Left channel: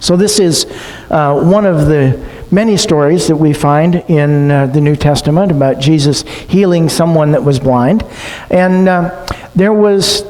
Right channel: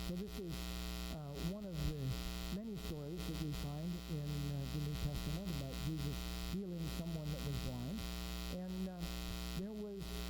So this is one of the many stories that we find in the New Testament about Jesus healing someone that was blind. And there was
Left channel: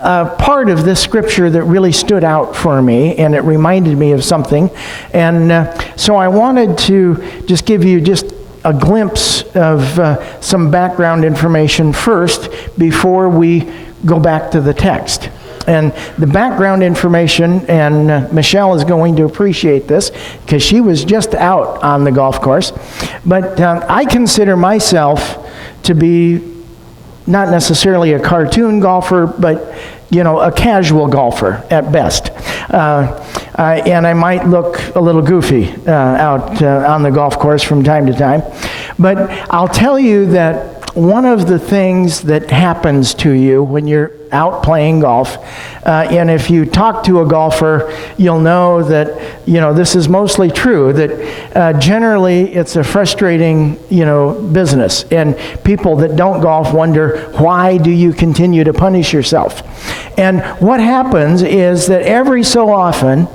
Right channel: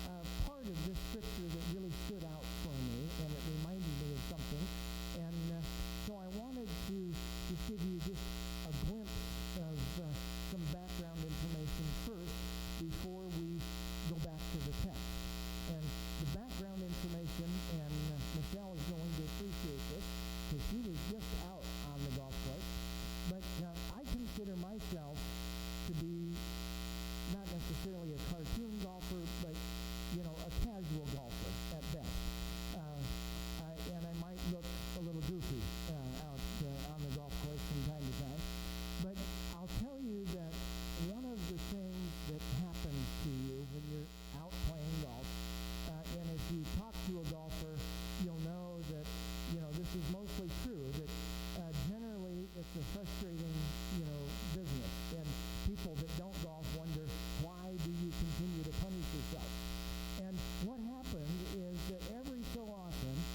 a part of this scripture that really stood out for me, and it reminded me of something. And so I wanted to just give you just a glimpse of some background information first before we go back to the text. And the background information, and Michelle is going to appreciate this because she was just out on the golf course, but I consider myself to be not necessarily a cartoon golfer, but a casual golfer at best. And I might look a little goofy out on the golf course from time to time. But I'll tell you that one of the things that happens to you when you're out playing golf, and if you talk to a golfer, you'll know that, this is mostly true, that generally it's a frustrating, business. And people that don't golf wonder, why do you continue to punish yourself? And what happens is that every so often,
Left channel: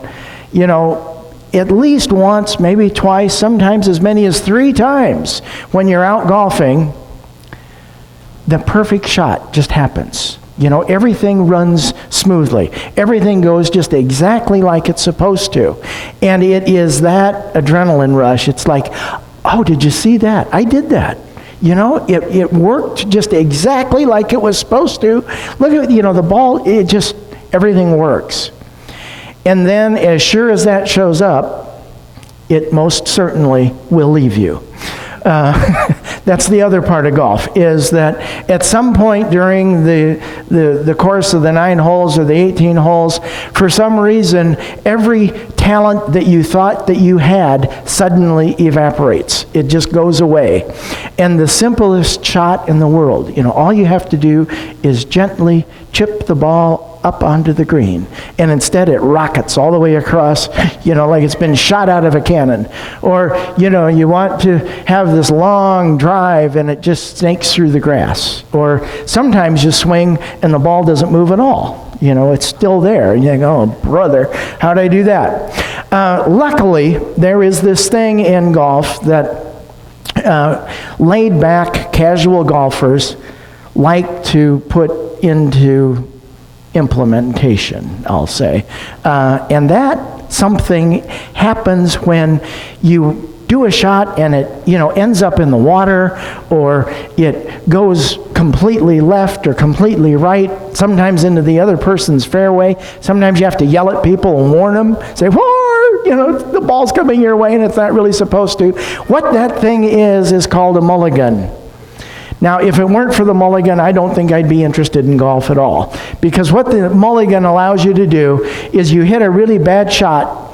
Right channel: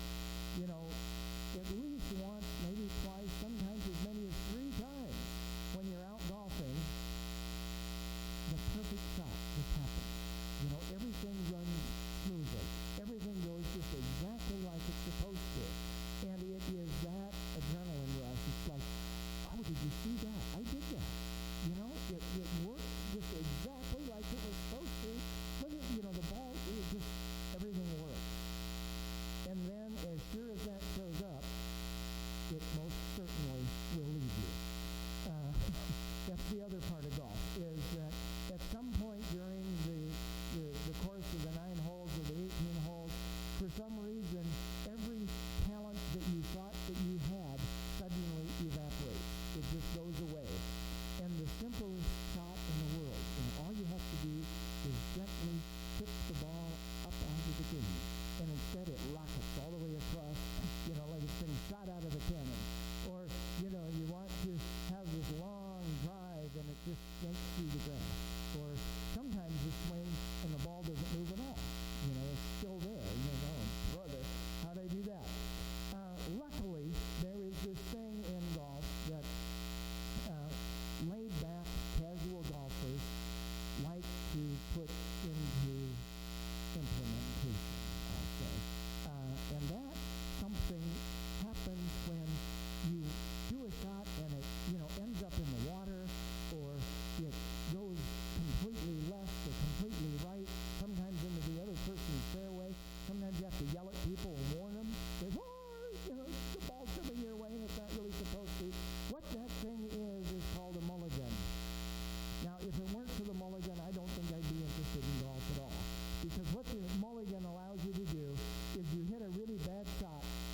at least once, maybe twice, sometimes as many as 3 times when you're out golfing, the perfect shot just happens. Everything runs smoothly. Everything goes just exactly like it's supposed to. And it is that adrenaline rush. It's like, oh, did you see that? I did that. It worked just exactly like it was supposed to. Look at, the ball, everything works. And then as sure as that shows up, it most certainly will leave you. That's the other part of golf, is that at some point during the course of the 9 holes or the 18 holes, for some reason, every talent that you thought that you had suddenly evaporates. It just goes away. And the simplest shot in the world, all you have to do is gently chip the ball up onto the green, and instead it rockets all the way across, like it's been shot out of a cannon. Or, you want to have this long drive and it just snakes through the grass. Or sometimes you swing and the ball doesn't move at all. It's still there. And you go, oh, brother, how'd I do that? Luckily, there is this thing in golf that laid back casual golfers like to put into implementation, I'll say. And that something happens when you do a shot and it, ends up in the water, or it goes completely left or completely right, sometimes into the other person's fairway. Sometimes you have to yell at people and warn them, say, whoa, the ball's coming your way and it's not really supposed to. What that thing is called a mulligan. Now, if it weren't for the mulligan, I don't think I'd be interested in golf at all. Because what the mulligan allows you to do is you hit a really bad shot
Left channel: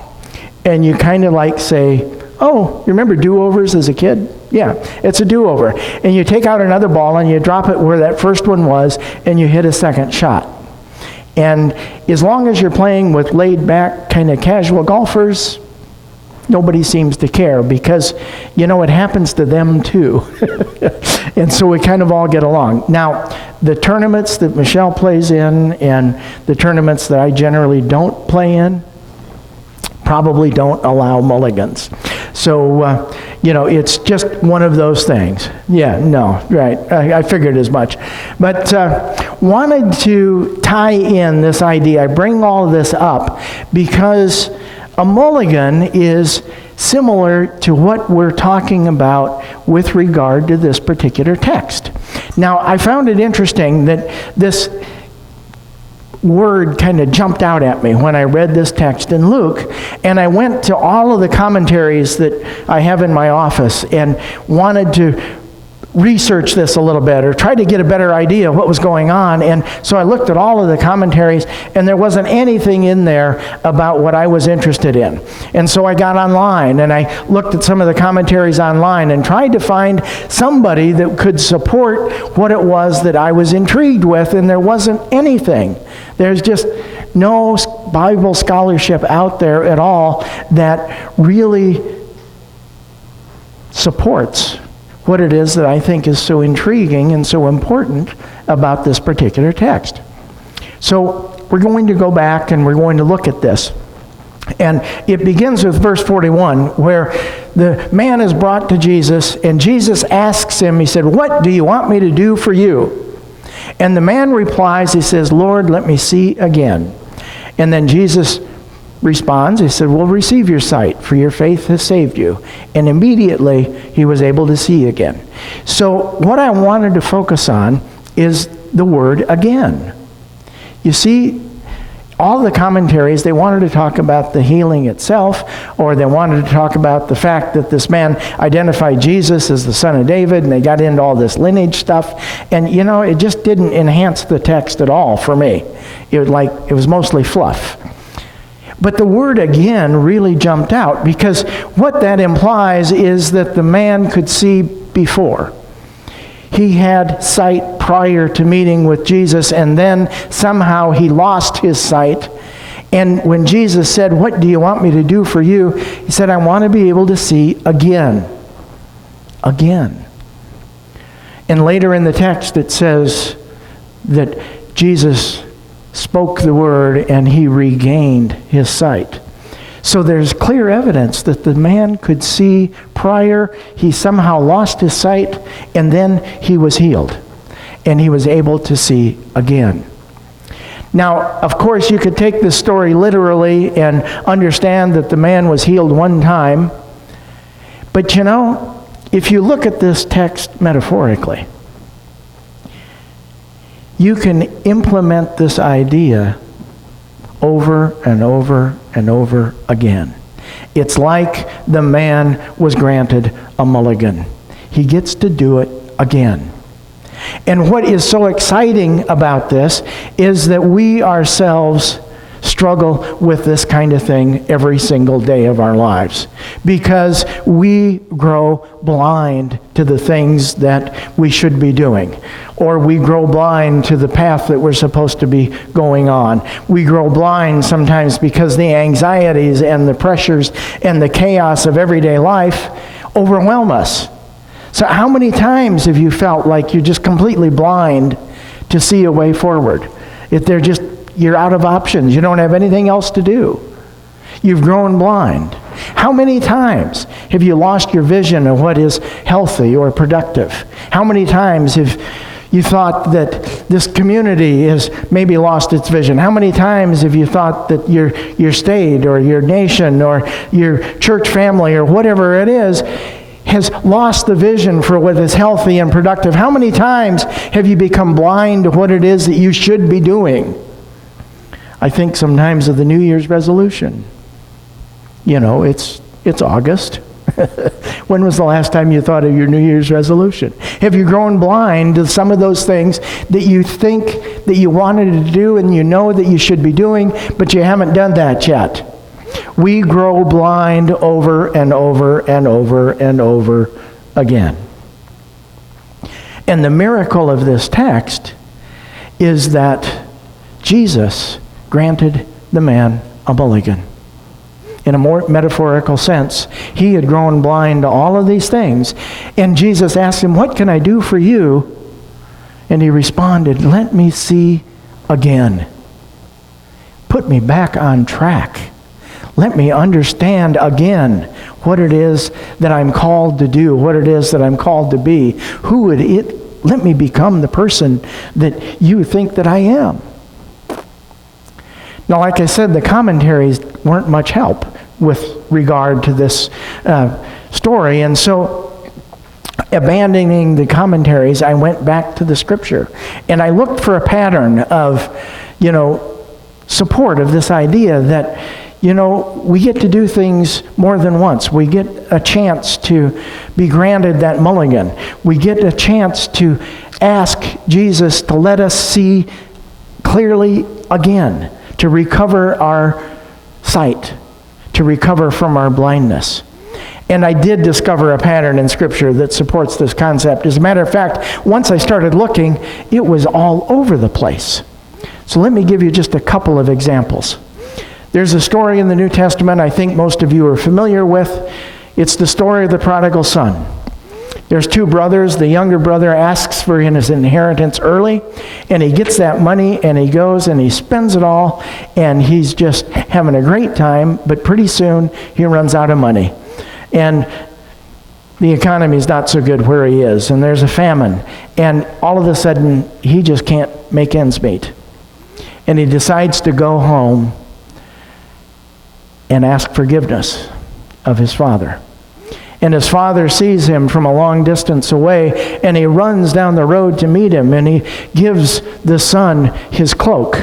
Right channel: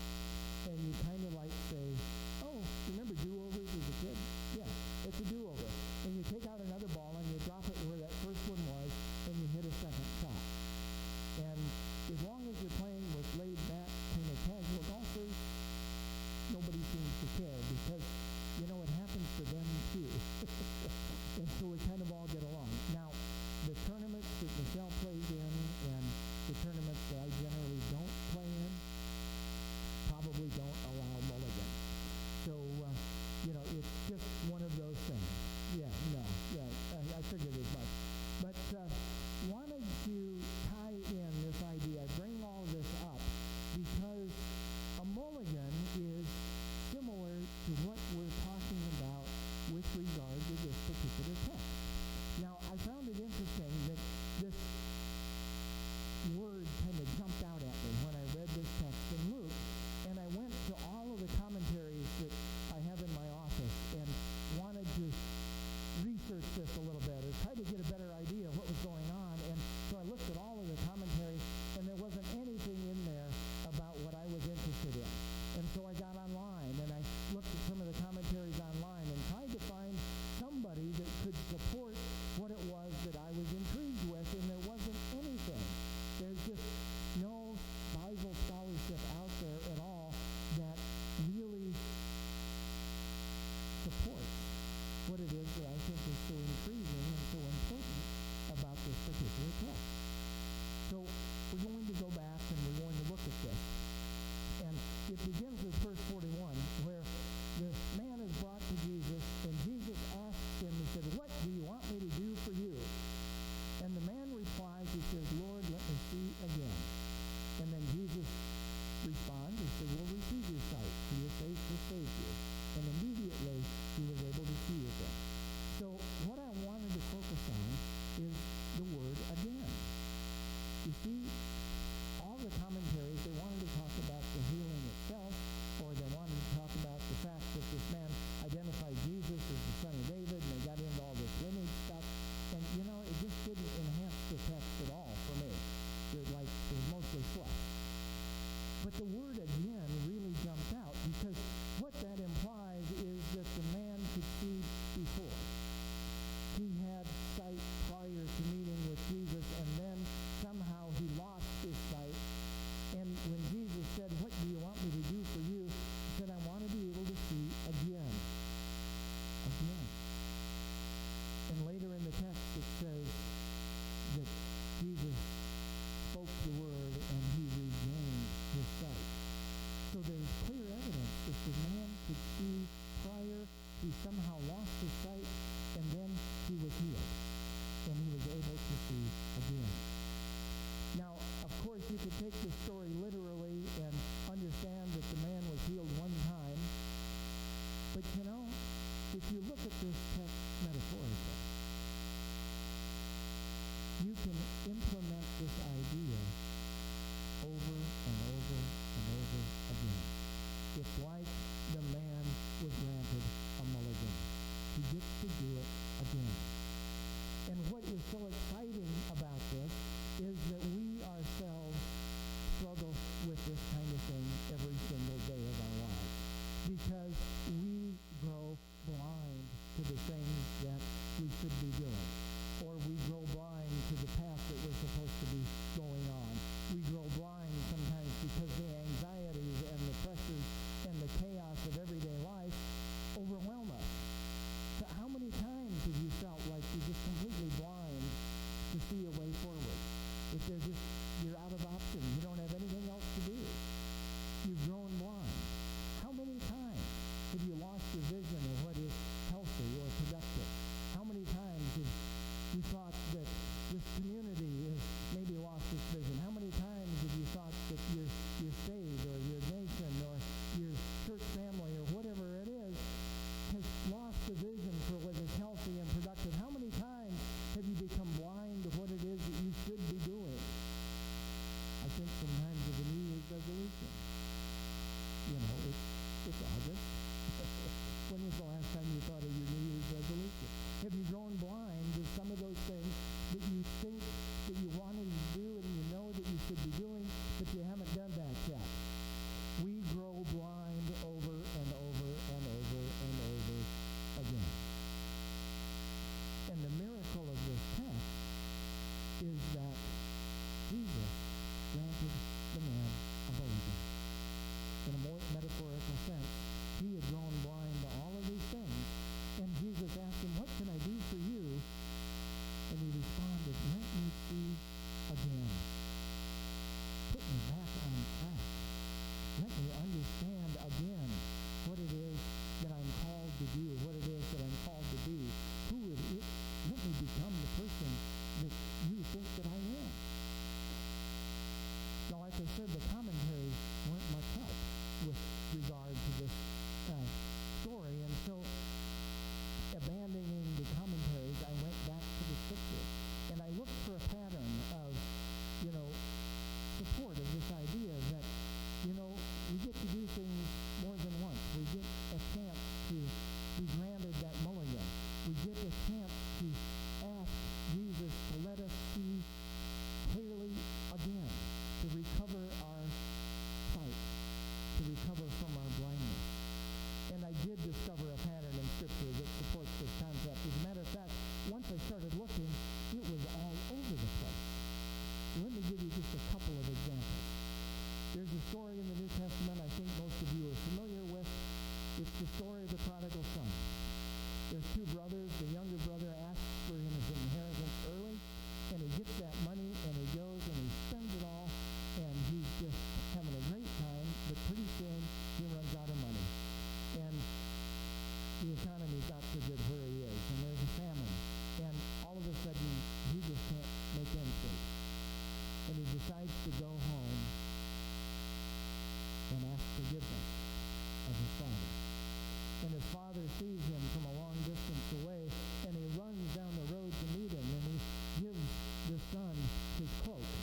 and you kind of like say, oh, you remember do-overs as a kid? Yeah, it's a do-over. And you take out another ball and you drop it where that first one was and you hit a second shot. And as long as you're playing with laid-back kind of casual golfers, nobody seems to care, because, it happens to them too. And so we kind of all get along. Now, the tournaments that Michelle plays in and the tournaments that I generally don't play in probably don't allow mulligans. So, it's just one of those things. Yeah, no, right. I figured as much. But wanted to tie in this idea. I bring all of this up because a mulligan is similar to what we're talking about with regard to this particular text. Now, I found it interesting that this word kind of jumped out at me when I read this text in Luke, and I went to all of the commentaries that I have in my office and wanted to research this a little bit or try to get a better idea of what was going on. And so I looked at all of the commentaries, and there wasn't anything in there about what I was interested in. And so I got online and I looked at some of the commentaries online and tried to find somebody that could support what it was that I was intrigued with, and there wasn't anything. There's just no Bible scholarship out there at all that really supports what it is that I think is so intriguing and so important about this particular text. So we're going to go back and we're going to look at this. And it begins with verse 41, where the man is brought to Jesus, and Jesus asks him, he said, "What do you want me to do for you?" And the man replies, he says, "Lord, let me see again." And then Jesus responds, he said, "Well, receive your sight, for your faith has saved you." And immediately he was able to see again. So what I wanted to focus on is the word "again." You see, all the commentaries, they wanted to talk about the healing itself, or they wanted to talk about the fact that this man identified Jesus as the son of David, and they got into all this lineage stuff. And, it just didn't enhance the text at all for me. It was mostly fluff. But the word "again" really jumped out, because what that implies is that the man could see before. He had sight prior to meeting with Jesus, and then somehow he lost his sight. And when Jesus said, "What do you want me to do for you?" he said, "I want to be able to see again." Again. And later in the text it says that Jesus spoke the word and he regained his sight. So there's clear evidence that the man could see prior. He somehow lost his sight, and then he was healed, and he was able to see again. Now, of course, you could take this story literally and understand that the man was healed one time. But if you look at this text metaphorically, you can implement this idea over and over and over again. It's like the man was granted a mulligan. He gets to do it again. And what is so exciting about this is that we ourselves struggle with this kind of thing every single day of our lives, because we grow blind to the things that we should be doing. Or we grow blind to the path that we're supposed to be going on. We grow blind sometimes because the anxieties and the pressures and the chaos of everyday life overwhelm us. So how many times have you felt like you're just completely blind to see a way forward? You're out of options. You don't have anything else to do. You've grown blind. How many times have you lost your vision of what is healthy or productive? How many times have you thought that this community has maybe lost its vision? How many times have you thought that your state or your nation or your church family or whatever it is has lost the vision for what is healthy and productive? How many times have you become blind to what it is that you should be doing? I think sometimes of the New Year's resolution. It's August. When was the last time you thought of your New Year's resolution? Have you grown blind to some of those things that you think that you wanted to do and you know that you should be doing, but you haven't done that yet? We grow blind over and over and over and over again. And the miracle of this text is that Jesus granted the man a mulligan. In a more metaphorical sense, he had grown blind to all of these things. And Jesus asked him, "What can I do for you?" And he responded, "Let me see again. Put me back on track. Let me understand again what it is that I'm called to do, what it is that I'm called to be. Let me become the person that you think that I am." Now, like I said, the commentaries weren't much help with regard to this story. And so, abandoning the commentaries, I went back to the scripture. And I looked for a pattern of, support of this idea that, we get to do things more than once. We get a chance to be granted that mulligan. We get a chance to ask Jesus to let us see clearly again, to recover our sight, to recover from our blindness. And I did discover a pattern in Scripture that supports this concept. As a matter of fact, once I started looking, it was all over the place. So let me give you just a couple of examples. There's a story in the New Testament I think most of you are familiar with. It's the story of the prodigal son. There's two brothers. The younger brother asks for his inheritance early, and he gets that money, and he goes and he spends it all, and he's just having a great time, but pretty soon he runs out of money. And the economy is not so good where he is, and there's a famine, and all of a sudden he just can't make ends meet. And he decides to go home and ask forgiveness of his father. And his father sees him from a long distance away, and he runs down the road to meet him, and he gives the son his cloak.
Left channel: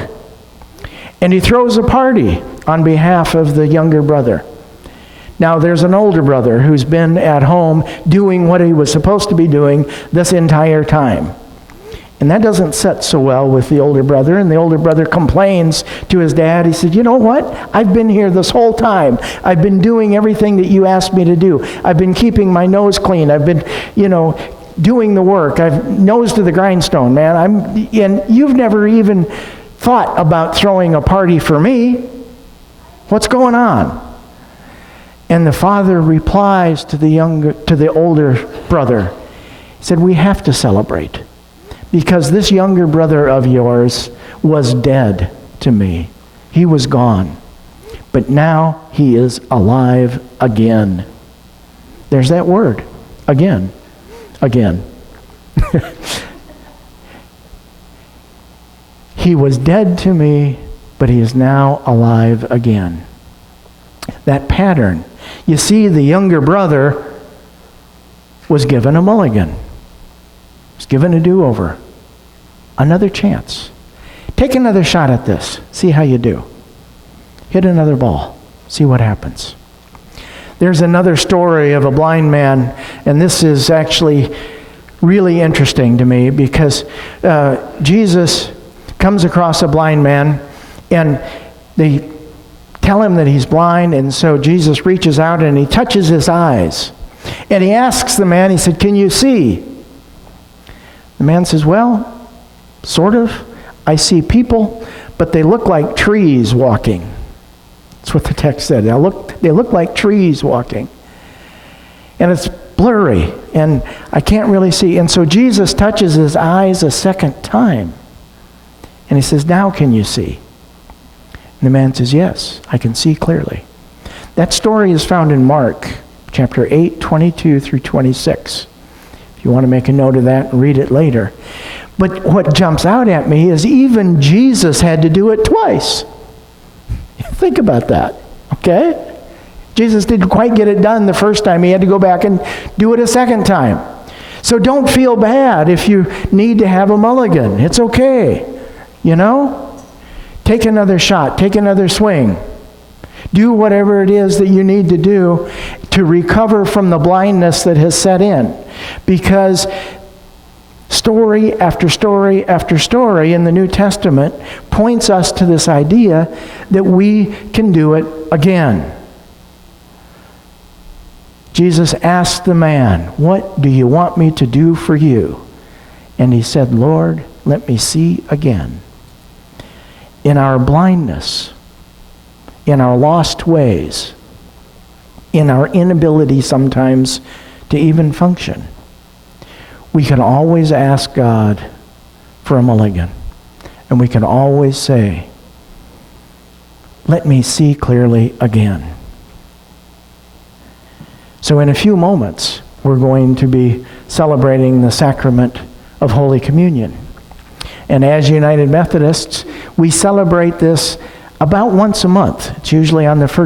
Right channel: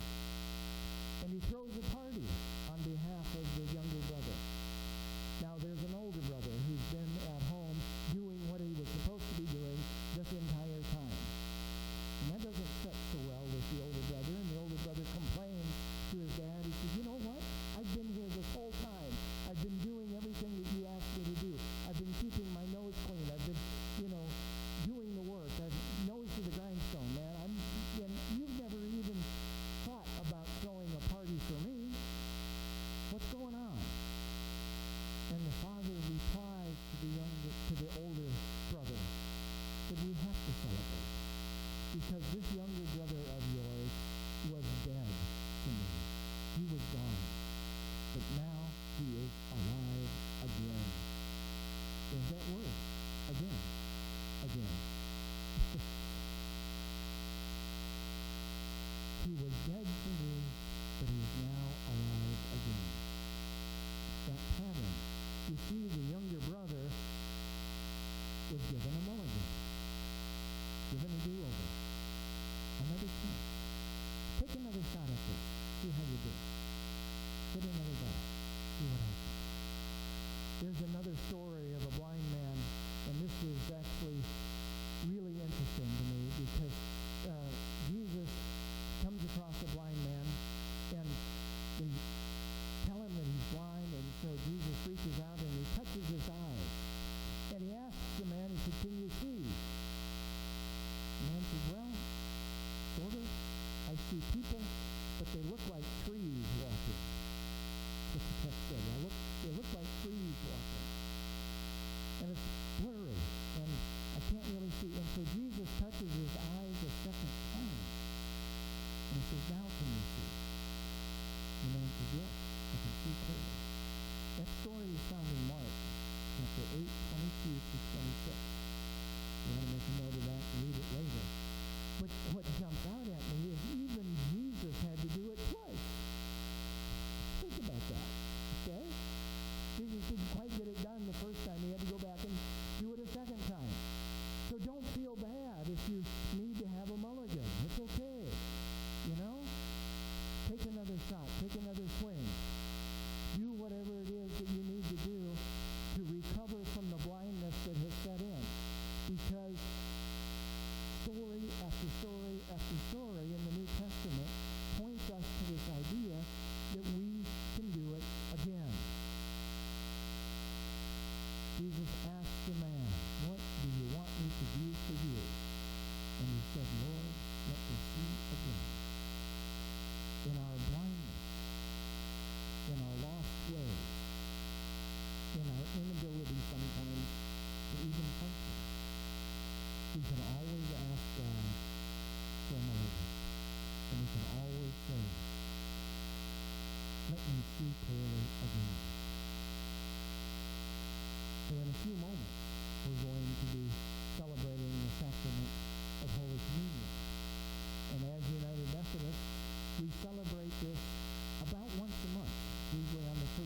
And he throws a party on behalf of the younger brother. Now there's an older brother who's been at home doing what he was supposed to be doing this entire time. And that doesn't set so well with the older brother, and the older brother complains to his dad. He said, you know what? I've been here this whole time. I've been doing everything that you asked me to do. I've been keeping my nose clean. I've been, doing the work. I've nose to the grindstone, man. And you've never even thought about throwing a party for me. What's going on? And the father replies to the older brother. He said, we have to celebrate, because this younger brother of yours was dead to me. He was gone. But now he is alive again. There's that word. Again. Again. He was dead to me, but he is now alive again. That pattern. You see, the younger brother was given a mulligan. Was given a do-over. Another chance. Take another shot at this. See how you do. Hit another ball. See what happens. There's another story of a blind man, and this is actually really interesting to me because Jesus comes across a blind man, and they tell him that he's blind, and so Jesus reaches out and he touches his eyes. And he asks the man, he said, can you see? The man says, well, sort of. I see people, but they look like trees walking. That's what the text said. They look like trees walking. And it's blurry, and I can't really see. And so Jesus touches his eyes a second time. And he says, now can you see? And the man says, yes, I can see clearly. That story is found in Mark chapter 8, 22 through 26. If you want to make a note of that and read it later. But what jumps out at me is even Jesus had to do it twice. Think about that, okay? Jesus didn't quite get it done the first time. He had to go back and do it a second time. So don't feel bad if you need to have a mulligan. It's okay, Take another shot. Take another swing. Do whatever it is that you need to do to recover from the blindness that has set in. Because story after story after story in the New Testament points us to this idea that we can do it again. Jesus asked the man, what do you want me to do for you? And he said, Lord, let me see again. In our blindness, in our lost ways, in our inability sometimes to even function, we can always ask God for a mulligan. And we can always say, let me see clearly again. So in a few moments, we're going to be celebrating the sacrament of Holy Communion. And as United Methodists, we celebrate this about once a month. It's usually on the first